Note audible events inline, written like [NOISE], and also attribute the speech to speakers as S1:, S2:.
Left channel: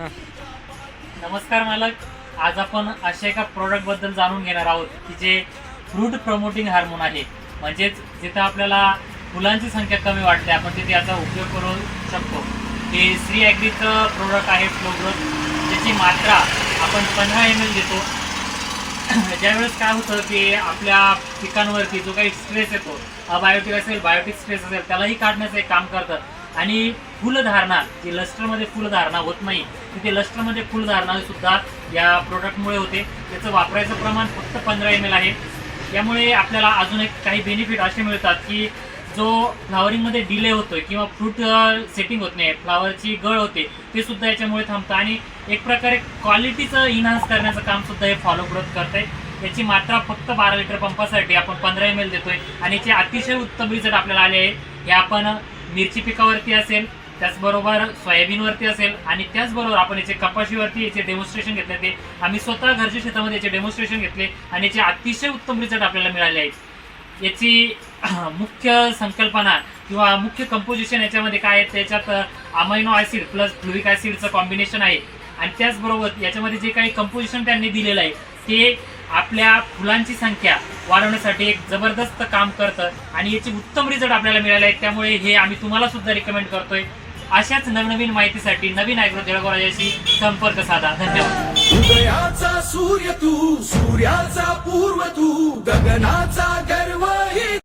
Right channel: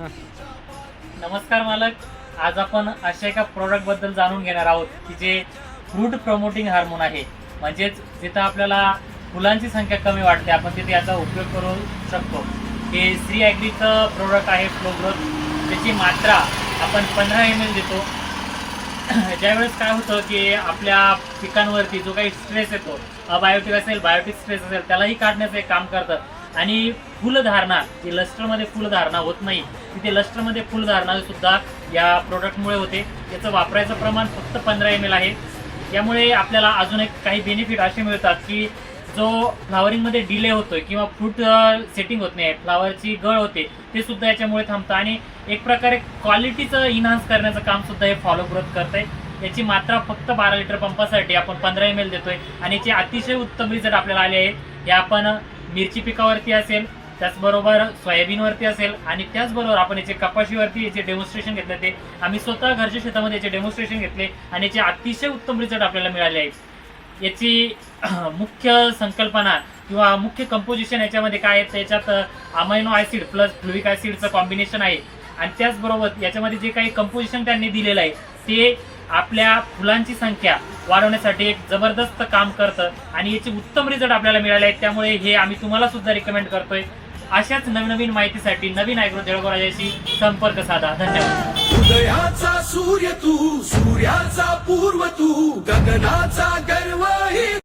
S1: नमस्कार मालक. आज आपण अशा एका प्रोडक्टबद्दल जाणून घेणार आहोत की जे फ्रूट प्रमोटिंग हार्मोन आहे. म्हणजेच जिथं आपल्याला फुलांची संख्या कमी वाटते आपण तिथे याचा उपयोग करू शकतो. हे श्री ॲग्रीचं प्रोडक्ट आहे फ्लो ग्रोथ त्याची मात्रा आपण पंधरा एम एल देतो. ज्यावेळेस काय होतं की आपल्या पिकांवरती जो काही स्ट्रेस येतो बायोटिक असेल बायोटिक स्ट्रेस असेल त्यालाही काढण्याचं एक काम करतं. आणि फुलधारणा जे लस्टरमध्ये फुलधारणा होत नाही तिथे लस्टरमध्ये फुलधारणा सुद्धा या प्रोडक्टमुळे होते. याचं वापरायचं प्रमाण फक्त पंधरा एम एल आहे. यामुळे आपल्याला अजून एक काही बेनिफिट असे मिळतात की जो फ्लावरिंगमध्ये डिले होतोय किंवा फ्रूट सेटिंग होत नाही फ्लावरची गळ होते ते सुद्धा याच्यामुळे थांबतं. आणि एक प्रकारे क्वालिटीचं इन्हान्स करण्याचं काम सुद्धा हे फॉलो करत करतंय. याची मात्रा फक्त बारा लिटर पंपासाठी आपण पंधरा एम एल देतोय. आणि याचे अतिशय उत्तम रिझल्ट आपल्याला आले आहेत हे आपण मिरची पिकावरती असेल त्याचबरोबर सोयाबीनवरती असेल आणि त्याचबरोबर आपण याचे कपाशीवरती याचे डेमॉन्स्ट्रेशन घेतले ते. आम्ही स्वतः घरच्या शेतामध्ये याचे डेमॉन्स्ट्रेशन घेतले आणि याचे अतिशय उत्तम रिझल्ट आपल्याला मिळाले आहेत. याची [CLEARS THROAT] मुख्य संकल्पना किंवा मुख्य कंपोजिशन याच्यामध्ये काय आहे त्याच्यात अमायनो ॲसिड प्लस फ्लुविक ॲसिडचं कॉम्बिनेशन आहे. आणि त्याचबरोबर याच्यामध्ये जे काही कंपोजिशन त्यांनी दिलेलं आहे ते आपल्या फुलांची संख्या वाढवण्यासाठी एक जबरदस्त काम करतं आणि याचे उत्तम रिझल्ट आपल्याला मिळाले आहेत त्यामुळे हे आम्ही तुम्हाला सुद्धा रिकमेंड करतोय. अशाच नवनवीन माहितीसाठी नवीन ऐकलो जळगाव राजाशी संपर्क साधा. धन्यवाद.
S2: सूर्य तू सूर्याचा पूर्व तू गगनाचा गर्व